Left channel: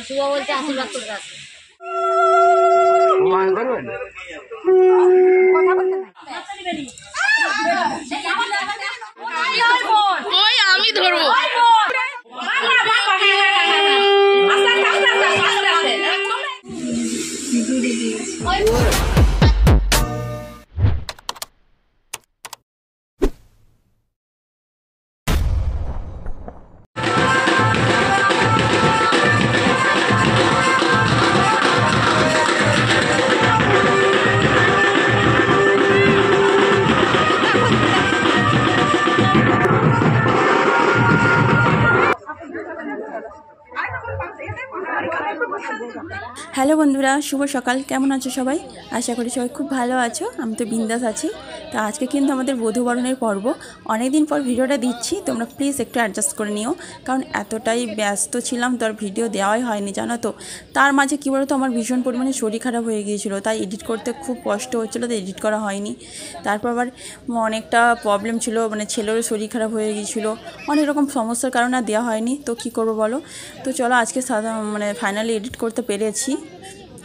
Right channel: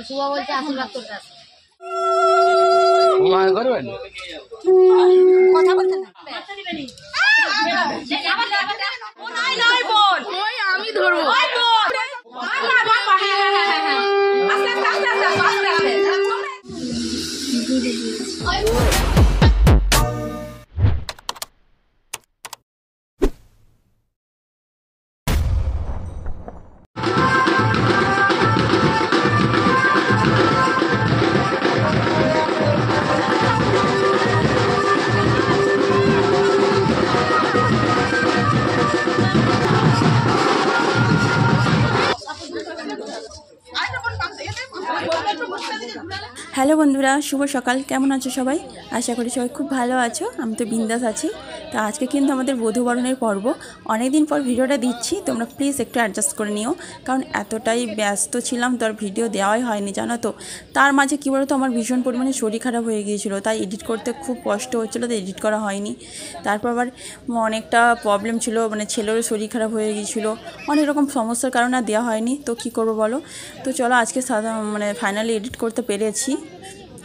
और सुबह बोलते आशीर्वाद करते আসে কথা বলতে না ওই আমি ধরবো হ্যালো বন্ধুরা, শুভ সকাল। কেমন আছো সবাই? আশা করি সবাই খুব ভালো আছো। আমি তো বিন্দাস আছি। তো আজকে কিন্তু আমাদের বধূবরণের পর্ব। অনেক দিন পর ভিডিওটা দিচ্ছি, তোমরা প্লিজ একটু অ্যাডজাস্ট করে নিও, কারণ এতটাই ব্যস্ত ছিলাম তো আর ভিডিও দেওয়াই হয়নি, জানো তো। তার মাঝে কী বলো তো, আমার ভীষণ পরিমাণে শরীর খারাপ হয়ে গিয়েছিলো, তাই এডিট করতে খুব কষ্ট হচ্ছিলো, তো এডিট করা হয়নি। তারপর আবার অনেকটা প্রবলেম ছিল, মানে ছেলেরও শরীর খারাপ হয়ে গিয়েছিলো, অনেক রকম সমস্যার কারণে আর দেওয়া হয়নি। তো কী করবো বলো। তো চলো আজকে মানে ফাইনালি এডিট করতে পেরেছি।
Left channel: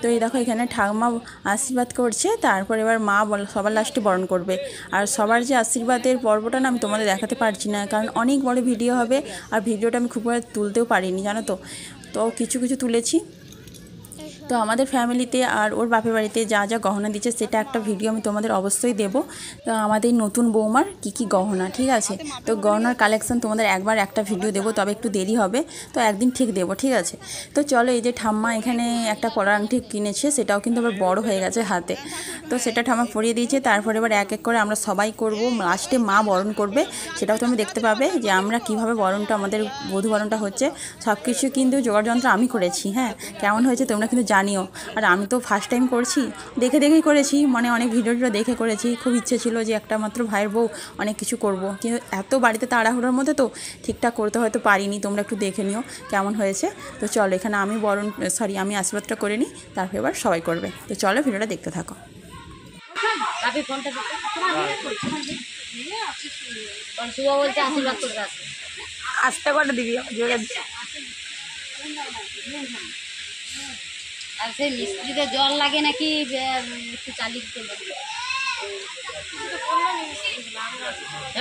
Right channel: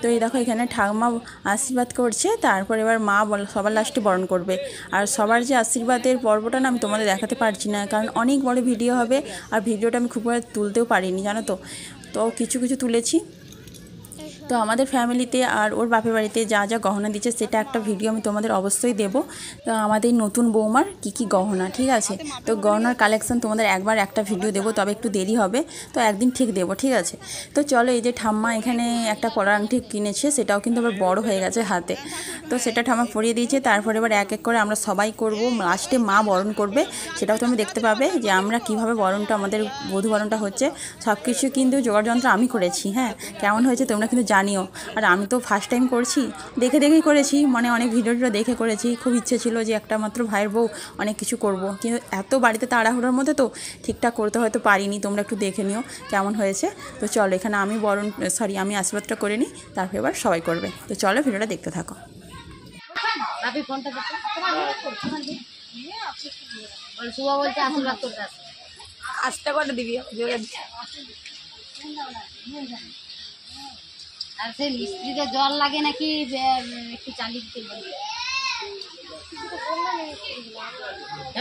তো এই দেখো এখানে ঠাকুমা আশীর্বাদ করছে, তারপর এবার মা সবার লাস্টে বরণ করবে। আর সবার যে আশীর্বাদের পর্বটা না আমি তোমাদের দেখাতে পারছি না, কারণ অনেক বড় ভিডিও হবে, আর ভিডিওটা আমি খুব ভালো তুলতেও পারিনি, জানো তো। তো কিছু কিছু তুলেছি। তো আমাদের ফ্যামিলিতে আর ওর বাপের বাড়িতে যা যা গহনা দিচ্ছে সেটা একটা ভিডিও আমি তোমাদের অবশ্যই দেবো। তো আমাদের নতুন বৌমার কী গহনা, ঠিক আছে। তো গহনার কালেকশান তোমাদের একবার একটা ভিডিও দেবো, তবে একটু দেরি হবে, তো একদিন ঠিক দেবো, ঠিক আছে। তো চলো, এই যে ঠাম্মা এখানে একটা পরার আংটি কিনেছে, সেটাও কিন্তু আবার বড় হয়ে গেছে হাতে, তো সেটা ঠাম্মা পরিয়ে দিয়েছে। তারপরে এবার এক এক করে আমরা সবাই করব, লাস্টে মা বরণ করবে, সেটাও তুমি দেখতে পাবে যে আমরা কীভাবে বরণটা, আমাদের বধূ বরণটা হচ্ছে। সব কিছু কিন্তু জোগাড় যন্ত্র আমি করেছি, হ্যাঁ। কেমন হয়েছে তোমরা কিন্তু জানিও। আর আমি তো ফার্স্ট টাইম করছি, দেখে দেখেই করেছি, মানে অনেক ভিডিওটা দেখে করেছি। খুব ইচ্ছে ছিল যে একটা মাত্র ভাইয়ের বউ অনেক কিছু করব, কিন্তু এত বাড়িতে তাড়াহুড়োর মধ্যে তো ঠিকঠাক করতে হয়তো পারিনি। তোমরা একটু দেখে নিও কেমন হয়েছে। তো চলো, এখানে আমি আমি আশীর্বাদটা করে নিই, তারপর এবার সবাই করবে। তো চলো ভিডিওটা দেখতে থাকো। सुबह बोलते आशीर्वाद करते আস্তে করে দিবি আর সেই মিস্ত্রিতে জল লাগে নাকি একটু চালিয়ে করবে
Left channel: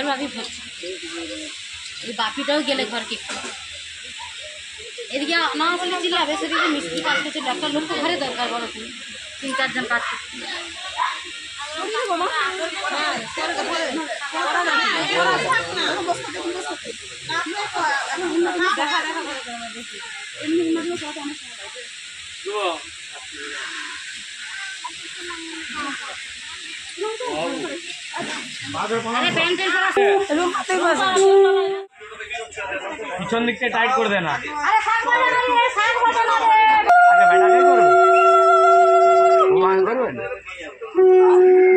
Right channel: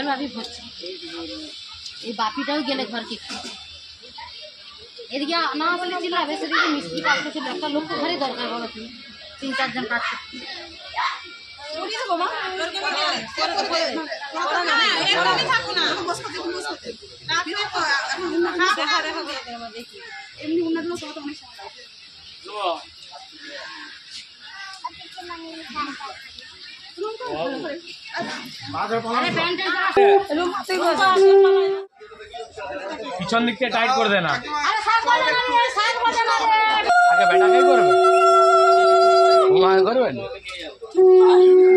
ভাবি ভাবছি এই বাকিটাও গেলে ঘরকে এদিকে না বলে চিল্লাবে, সেদিকে মিস্ত্রি কাজ করছিল। একটা লোক তো ঘরে দরকার, বলো তুমি 3-4 জন কাজ করছে। পিছন দিক থেকে টাইট করে দেনা,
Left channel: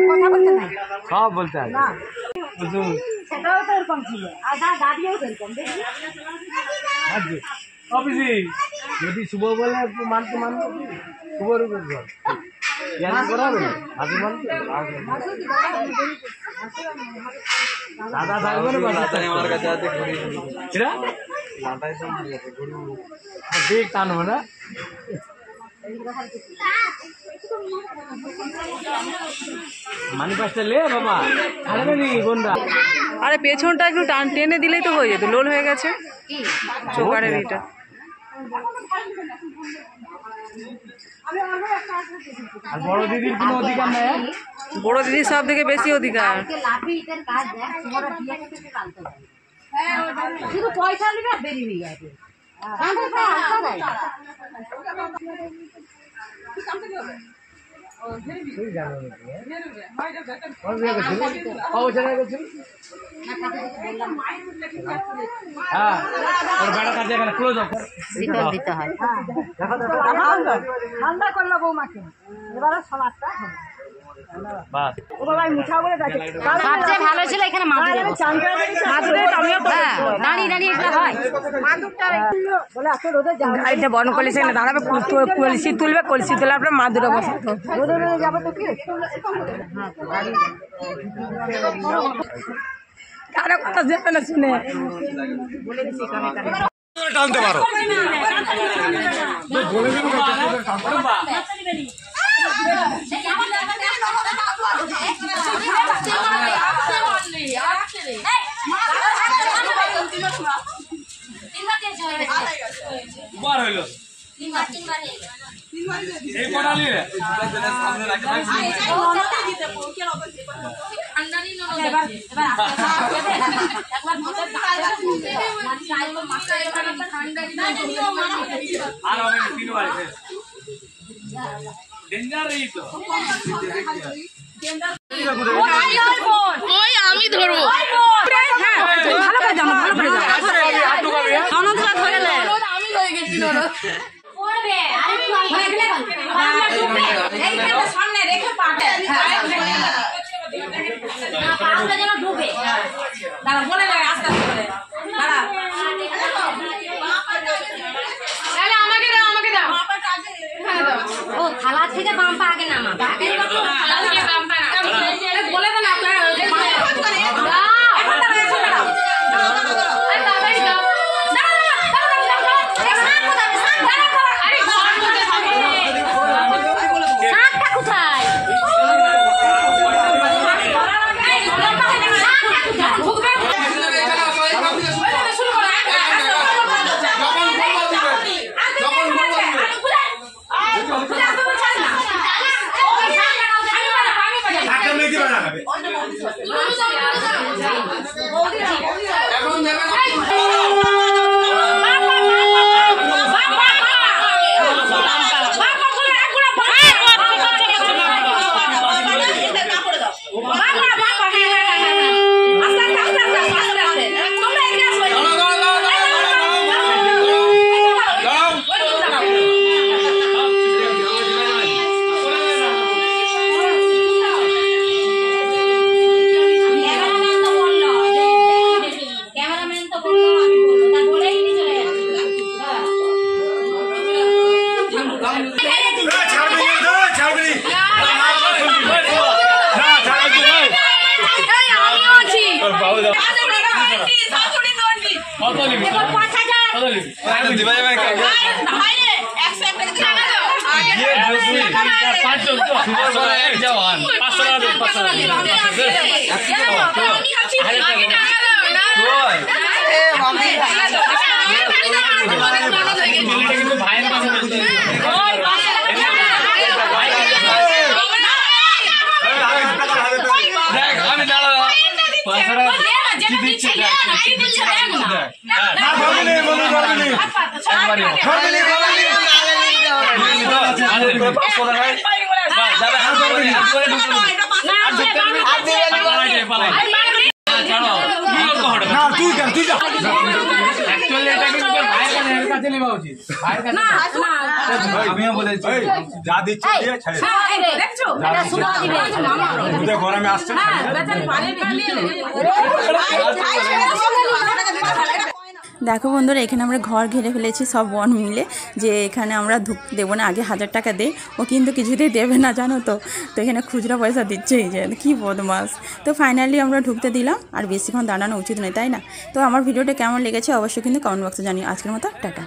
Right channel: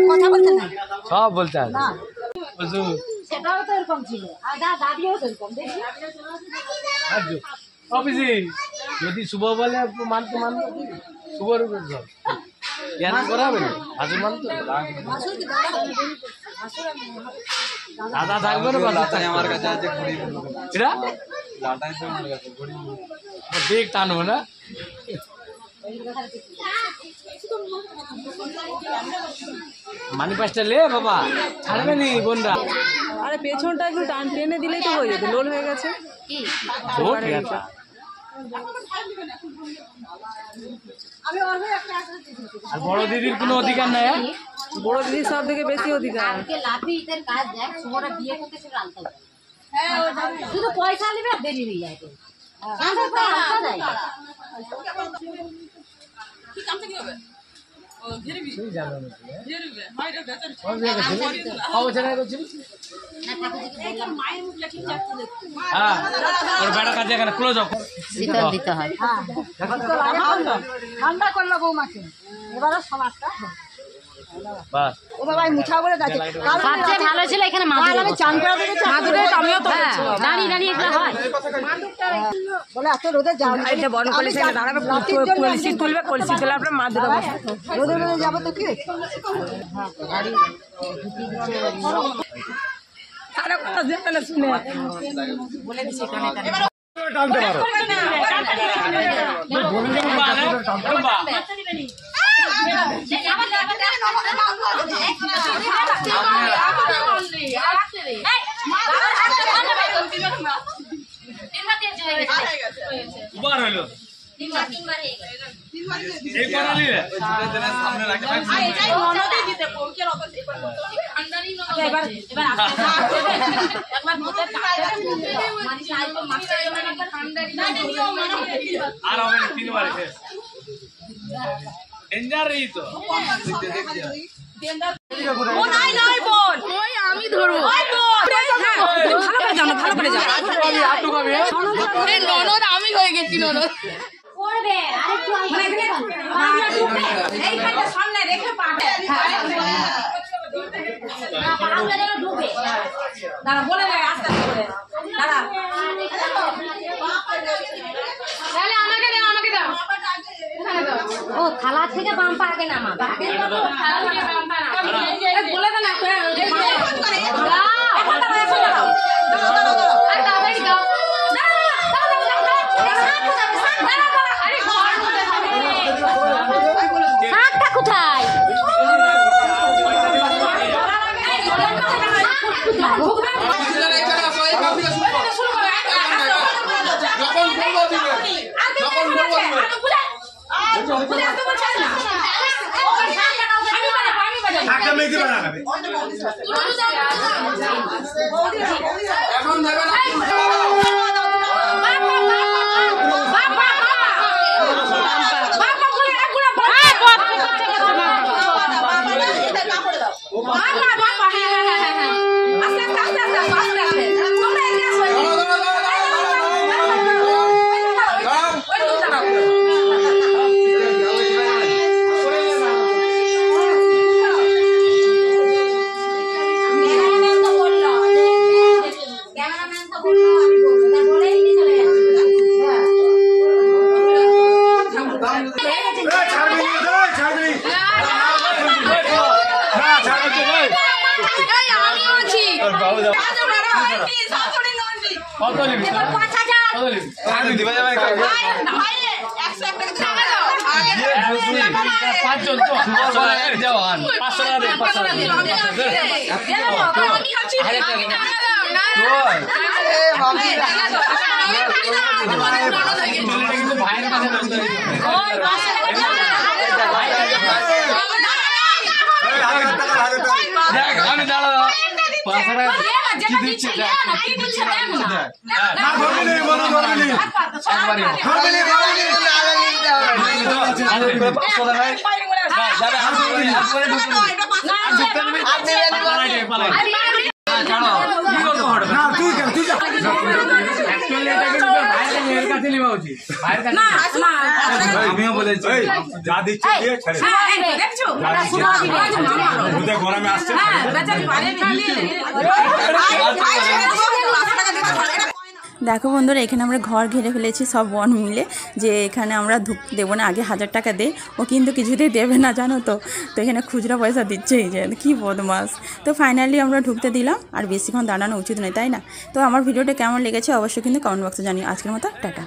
কথা বলতে না, সব বলতে হবে। সেটাও তো ওরকম ছিল, আর দাদিও সেরকম দেখি। যদি শুভ বলে মানতে শুভর উপর করাবে না, হাসুর মানতে দাদা থাকবে না, দেখ টানবো না। মানি পাঁচটা লে বাবা, ছাড়বে নি বোনরা। আরে পেছনটা একটু টেনে দিলেই তো হয়ে যেত, লোল হয়ে গেছে। আর বড় দিদির কোনো অধিকার নাই, বড় দিদির সব থেকে বেশি অধিকার। শুধু পয়সা নিবে আর দেরি হয়ে যাবে। হ্যাঁ ওর বেড়া কাজে এখানে ক্লোজ অফ শিকল দিতে হয়। ঠান্ডা করলো বৌমাকে, এবার সমাজটা বাস ও বাবা মুছা বলে যাচ্ছে। সবচেয়ে ভালো ছিল এখানে মাদুর, আমি চান করা দেখেছি। মাদুরে আমিও তো দাঁড়িয়ে দাঁড়িয়ে এটা হয় মাদুরটা বলে এত রোদে যাও, এটা বড় কলসি এনে দাঁড়াবে, কলসি তুলবে, কলসি তুলে আপনার মাদুরে বসে রোদে রোদে যাবে তো কি কারো কথা যেতে না শুনে বলে দিছি কানে কানে। টানতে পারো আমি ধরবো আমি হয়ে গেছি সামনে রেখে বলে দেবে আস্তে আস্তে আমাকে দাও আমাকে দাও ও থালা থেকে বাম পা আগে নামা বলে দেন আমিও বলেছি যা দিচ্ছে দিয়ে ছেড়ে গরমে আসছে দেখো বন্ধুরা এখানে আমরা ঘর ঘিরে ফেলেছি সব বোন মিলে যে এখানে আমরা ঢুকতে দেবো না, আগে 1000 টাকা দে, ও কিন্তু কিছুতেই দেবে না জানো তো এখানে খুচরা পয়সা দিচ্ছেই যে কি বদমাস। তো ফাইনালি আমরা ঢুকতে দিলাম, আর বেশিক্ষণ দাঁড়ানো উচিত নয় তাই না। তো আমার ভিডিওটা কেমন লেগেছে অবশ্যই কিন্তু কমেন্ট বক্সে জানিও। আজকের মতো টাটা।